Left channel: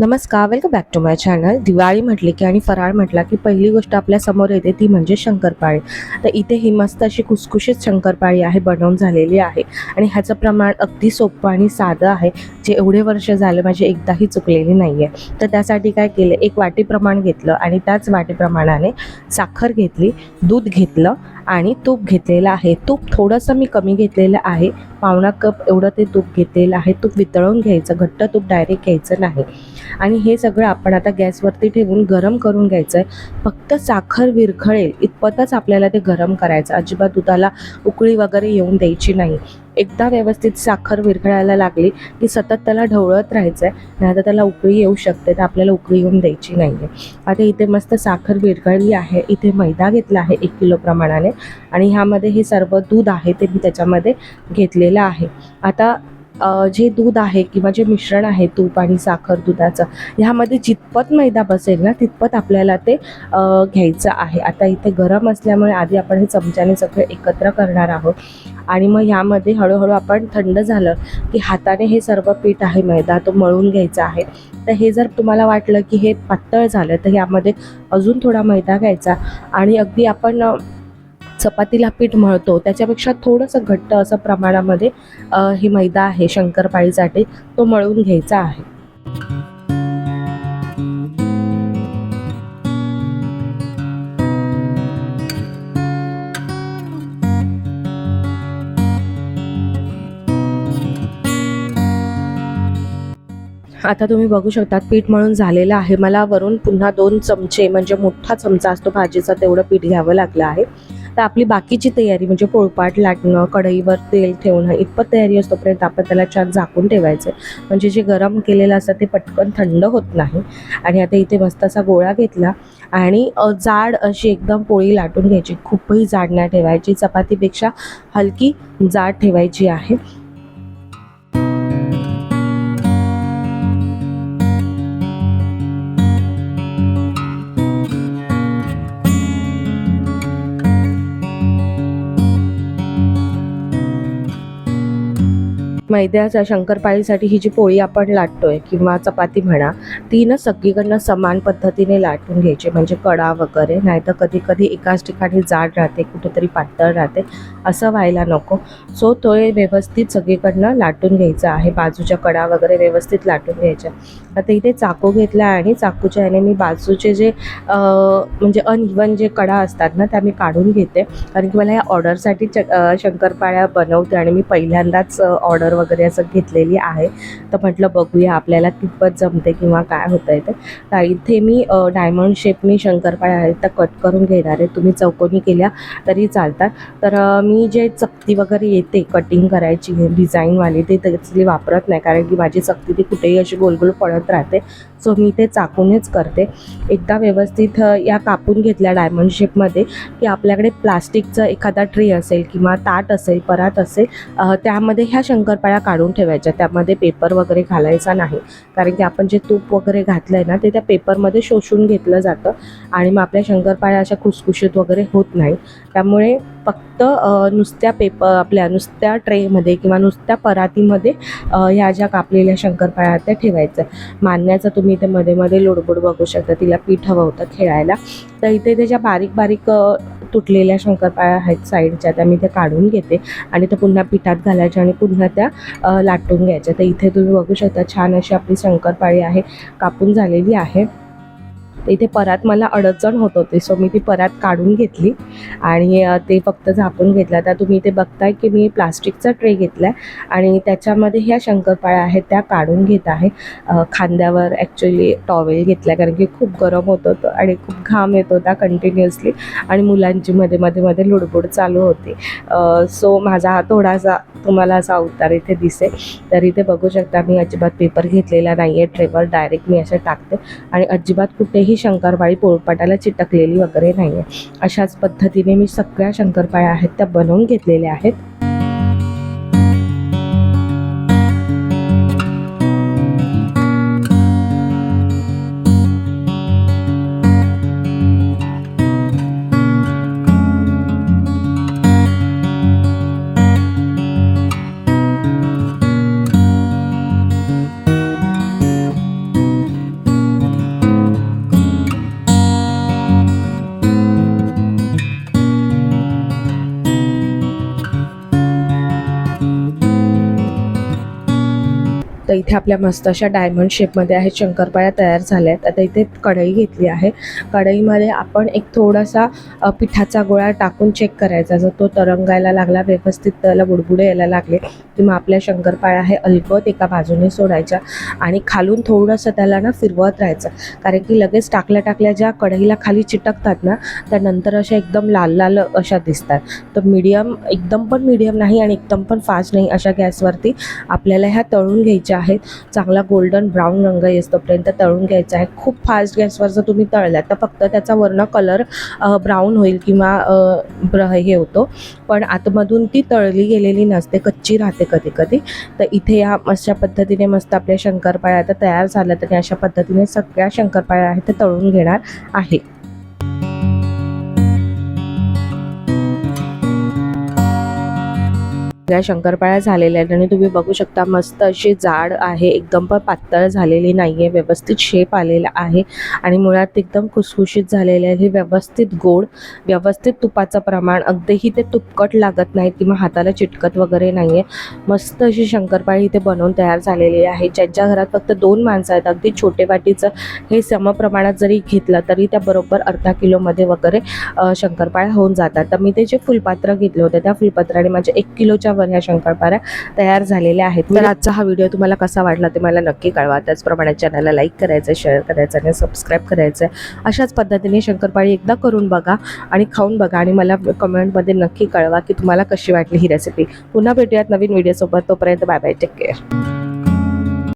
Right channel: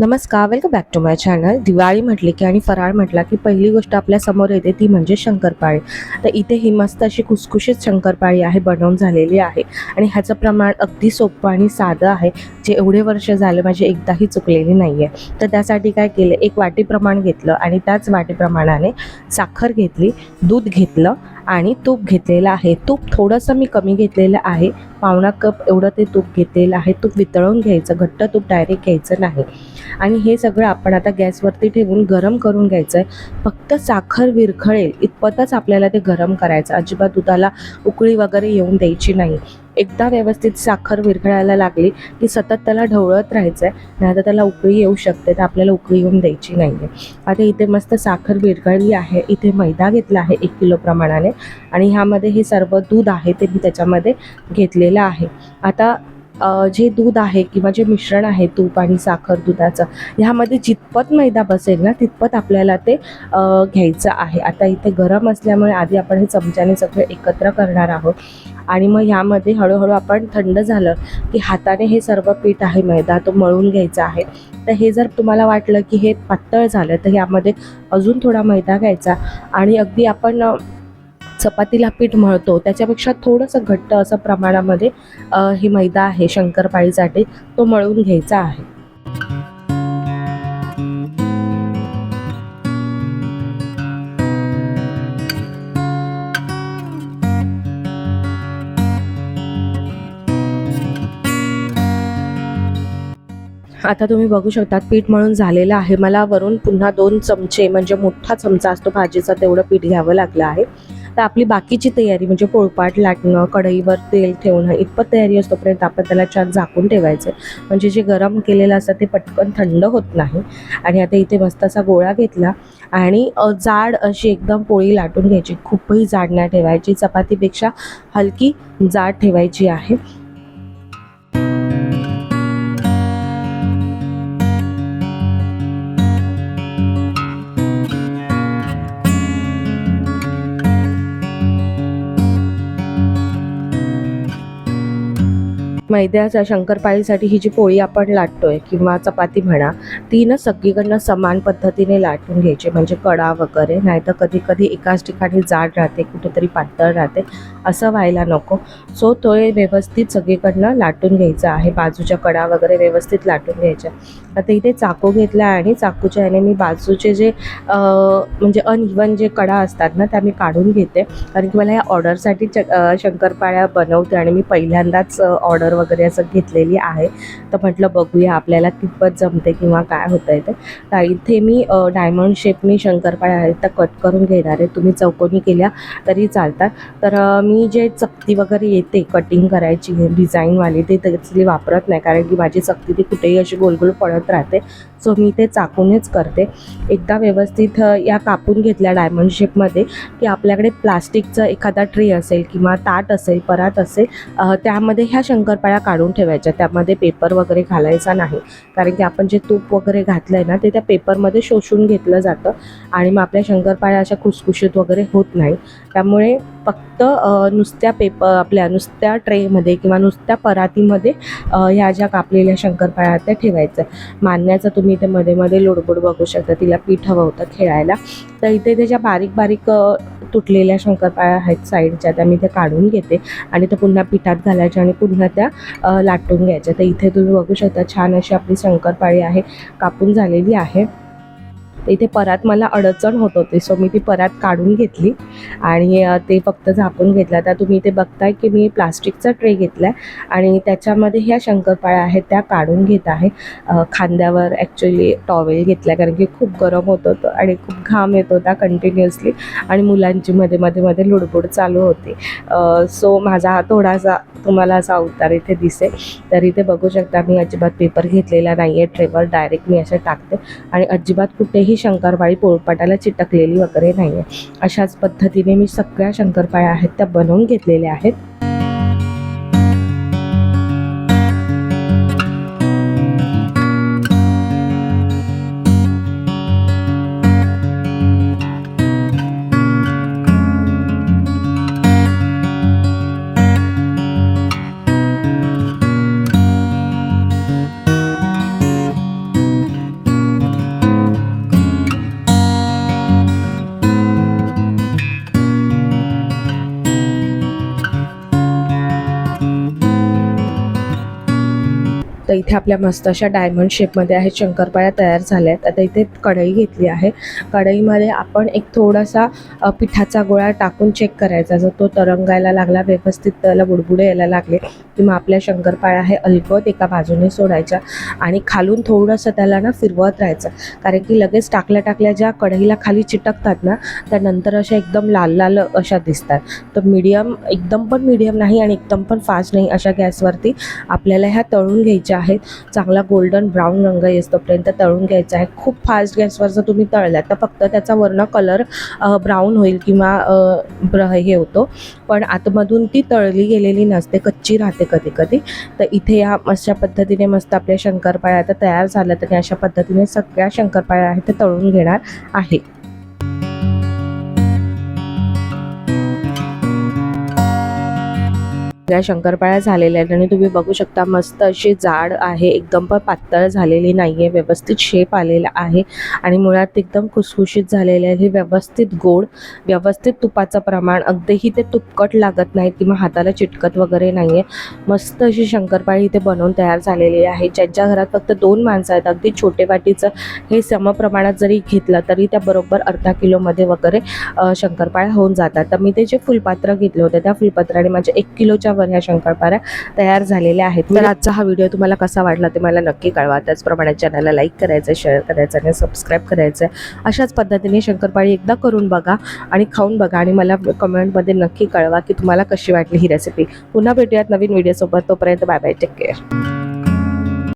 नमस्कार welcome back to my channel Diwali म्हटली की आणि फराळ म्हटला की पहिली गोष्ट आपल्यासमोर येते ती म्हणजे शंकरपाळी. तर इथे ही मस्त अशी खुसखुशीत शंकरपाळी आहे बनवून झालेली आहे. आणि ह्याचं प्रमाण अगदी सोपं आणि साधं आहे. जे एवढे वर्ष झाले माझी एकदाही चुकलेली नाही आहे तर त्यासाठी काय केलं एक वाटी प्रमाण घेतलं आणि त्याच वाटीप्रमाणाने साखर घेतली दूध घेतलं आणि तूप घेतलेलं आहे. तूप थोडंसं मी कमी घेतलेलं आहे. पावणा कप एवढं ते तूप घेतलेलं आहे. तूप वितळवून घ्यायचं घट्ट तूप डायरेक्ट घ्यायचं नाही. आणि हे सगळं आपण आता गॅसवरती ठेवून गरम करून घ्यायचं आहे फक्त साखर विरघळेल इतपतच आपल्याला ते गरम करायचं. अजिबात दुधाला उकळी वगैरे येऊन द्यायची नाही. एकदा व्यवस्थित साखर विरघळायला लागली की सतत त्याला ढवळत राहायचं आहे नाही तर त्याला उकळी येऊ शकते तर आपल्याला उकळी येऊन द्यायची नाही आहे आता इथे मस्त साखर विरघळली आहे. इथे मैदा घेतला आहे एक किलो प्रमाणाने. आणि ह्यामध्ये हे सर्व दूध आहे ते मी त्याच्यामध्ये घेतलेलं आहे. आता जे दूध आहे किंवा जे मिश्रण आहे तूप आणि साखर दुधाचं ह्यामध्ये जितपत मैदा बसेल ना तितपत आपल्याला ते घ्यायचं आहे. आता इथे गरम असल्यामुळे आधी आपण हे चमच्याने सगळं एकत्र करणार आहोत. आणि मग ह्यामध्ये हळूहळू आपण थंड झालं की हाताने हे सर्व पीठ आहे मैदा तो मळून घ्यायचा आहे. तर हे जर तुम्हाला वाटलं की हे पातळ झालं तर ह्यामध्ये अजून थोडा मैदा घ्यायचा. आणि अगदी आपण चपातीला पीठ मळतो. त्याच्यापेक्षा थोडंसं घट्ट असं प्रमाणामध्ये ही हे मैदा आहे शंकरपाळीसाठी तो मळून घ्यायचा आहे. आता तुम्ही बघू शकता पीठ मळून झालेलं आहे. मला वरून पुन्हा दोन चमचे म्हणजे मोठा चमचा असतो भाजीचा तेवढं पीठ घ्यावं लागलं आहे. तर आपली बाकीची तयारी म्हणजे पोळपाट लाटणं कढईवर तेल ठेवणं इतपत तयारी असतोपर्यंत आपण त्याला छान झाकून ठेवायचं. म्हणजे जे गरम केलेलं असतं ते पटकन थंड होत नाही. आणि आता इथे मस्त असा गोळा घेतला आणि जाड अशी एकदम पोळी लाटून घ्यायची. खूपही जाड नाही ठेवायची. चपातीपेक्षा हलकी जाड ठेवायची आहे. मैद्याच्या शंकरपाळीसाठी ही जी पोळी आपण लाटतोय किंवा चपाती म्हणा ती ना सगळीकडनं समान पद्धतीने लाटून घ्यायची. म्हणजे कडा वगैरे नाहीतर कधी कधी एकाच ठिकाणी जाड राहते कुठेतरी पातळ राहते असं व्हायला नको. सो तो व्यवस्थित सगळीकडनं लाटून घ्यायचा आहे. बाजूच्या कडा वगैरे व्यवस्थित लाटून घ्यायच्या. आता इथे चाकू घेतला आणि चाकूच्या याने मी बाजूचे जे म्हणजे अनइवन जे कडा असतात ना त्या मी काढून घेते. कारण की मला या ऑर्डरसाठी च शंकरपाळ्या बनवते आणि मी पहिल्यांदाच ऑर्डर वगैरे असं घेतलेली आहे. तर म्हटलं बघूया आपल्याला कितपत जमते किंवा काय होतं आहे ते. तर इथे मी डायमंड शेपनी शंकरपाळ्या आहेत त्या कट करून घेणार आहे. तुम्ही चौकोनी केल्या तरी चालतात. तर मी जे चकती वगैरे येते कटिंग करायची डिझाईनवाली ते त्याची वापरत नाही. कारण की माझी चकती ती कुठेही अशी गोलगोल पडत राहते. सो मी ते चाकूनच करते. एकदा व्यवस्थित या कापून घेतल्या डायमंड शेपमध्ये की आपल्याकडे प्लास्टिकचं एखादा ट्रे असेल किंवा ताट असेल परात असेल त्यामध्ये ह्या शंकरपाळ्या काढून ठेवायच्या. त्यामध्ये पेपर वगैरे घालायचा नाही. कारण की आपण जे तूप वगैरे घातलं आहे ना ते त्या पेपरमध्ये शोषून घेतलं जातं आणि मग आपल्या शंकरपाळ्या अशा खुसखुशीत वगैरे होत नाही. त्यामुळे फक्त नुसत्या पेपर आपल्या नुसत्या ट्रेमध्ये किंवा नुसत्या परातीमध्ये ह्या ज्या कापलेल्या शंकरपाळ्या त्या ठेवायच्या मारण्याचं तुम्ही इथे मध्ये मध्ये लोडबोड बघू शकता. तिला पीठ हवं होतं खेळायला. तर इथे त्याच्या बारीक बारीक तुटलेल्या शंकरपाळ्या आहेत साईडच्या त्या मी त्या काढून घेते. आणि त्या पुन्हा पिठात घालायच्या आणि पुन्हा त्या लाटून घ्यायच्या. तर इथे तुम्ही बघू शकता छान अशी आपली शंकरपाळी आहे कापून झालेली आहे. तर इथे परात मला अडचण होत होती. सो मी ती परात काढून घेतली. आणि ते फक्त झाकून घेतलं. तर तुम्ही इथे बघताय की मी प्लास्टिकचा ट्रे घेतला आहे आणि त्याच्यामध्ये ह्या शंकरपाळ्या आहेत त्या काढून घेत आहे. खांद्यावर ॲक्च्युली टॉवेल घेतला कारण की खूप गरम होत होतं आणि खूप घाम येत होता कंटिन्युअसली आणि मुलांची मध्ये मध्ये मध्ये लुडबुड चालू होती. सो माझा हा थोडासा तुम्हाला असा अवतार इथे दिसेल. तर इथे बघू शकता मी अजिबात पेपर घेतलेला नाही आहे ट्रेवर डायरेक्ट मी असे टाकते. आणि अजिबात कुठेही शंकरपाळी पोळपाटाला चिटकलेली वगैरे नाही आहे अशाच पद्धतीने मी सगळ्या शंकरपाळ्या आहेत त्या बनवून घेतलेल्या आहेत. तर इथे आपल्या मस्त अशा डायमंड शेपमध्ये आहेत शंकरपाळ्या तयार झाल्या आहेत आता इथे कढई घेतली आहे. कढईमध्ये आपण एक थोडासा पिठाचा गोळा टाकून चेक करायचा. जर तो तरंगायला लागला व्यवस्थित त्याला बुडबुडे यायला लागले की मग आपल्या शंकरपाळ्या हे अलगत एका बाजूने सोडायच्या आणि खालून थोडंसं त्याला ना फिरवत राहायचं. कारण की लगेच टाकल्या टाकल्या ज्या कढईला खाली चिटकतात ना त्या नंतर अशा एकदम लाल लाल अशा दिसतात. तर मीडियम एकदम पण मीडियम नाही आणि एकदम पण फास्ट नाही अशा गॅसवरती आपल्याला ह्या तळून घ्यायच्या आहेत. चांगला गोल्डन ब्राऊन रंग येतोपर्यंत तळून घ्यायचा आहे. खूप फास्ट गॅसवर जर तुम्ही तळल्या तर फक्त त्याचा वर्ण कलर ब्राऊन होईल किंवा ब्र हे होतो. पण आतमधून ती तळली गेलेली नसते कच्ची राहते कधी कधी. तर इथे या अशा पद्धतीने मस्त आपल्या शंकरपाळ्या आता तयार झाल्या तर अशा पद्धतीने सगळ्या शंकरपाळ्या आहेत ते तळून घेणार आहे. या शंकरपाळ्या झालेल्या आहेत आणि तुम्ही बघू शकता मस्त अशी जाड आहे एकदम पण पातळ झालेली नाही आहे व्यवस्थित शेप आलेला आहे आणि मुळात एकदम खुसखुशीत झालेले आहे हे व्यवस्थित गोड व्यवस्थित तुपाचं प्रमाण अगदीही ते तुपकट लागत नाही किंवा हाताला चिटकत वगैरे नाही आहे मस्त अशी शंकरपाळी इथे बनवून तयार झालेली आहे. ज्यांच्या घरात फक्त दोन माणसं आहेत अगदी छोटे वाटीचं हे समप्रमाणात जरी घेतलं तरी त्या बरोबर अर्धा किलोमध्ये वगैरे शंकरपाळ्या होऊन जातात. तर मी ते जे फुलपात्र घेतले होते त्या फुलपात्राने माझ्या एक किलोच्या वर ह्या शंकरपाळ्या तयार झालेल्या आहेत. तर आजचा हा व्हिडिओ तुम्हाला कसा वाटला ते मला नक्की कळवा. त्याचप्रमाणे चॅनलला लाईक करायचं शेअर करायचं आणि सबस्क्राईब करायचं. अशाच पद्धतीने शंकरपाळी एकदा करून बघा आणि खाऊन बघा आणि मला कमेंटमध्ये नक्की कळवा की तुम्हाला कशी वाटली ही रेसिपी पुन्हा भेटूयात नवीन व्हिडिओसोबत तोपर्यंत बाय बाय टेक केअर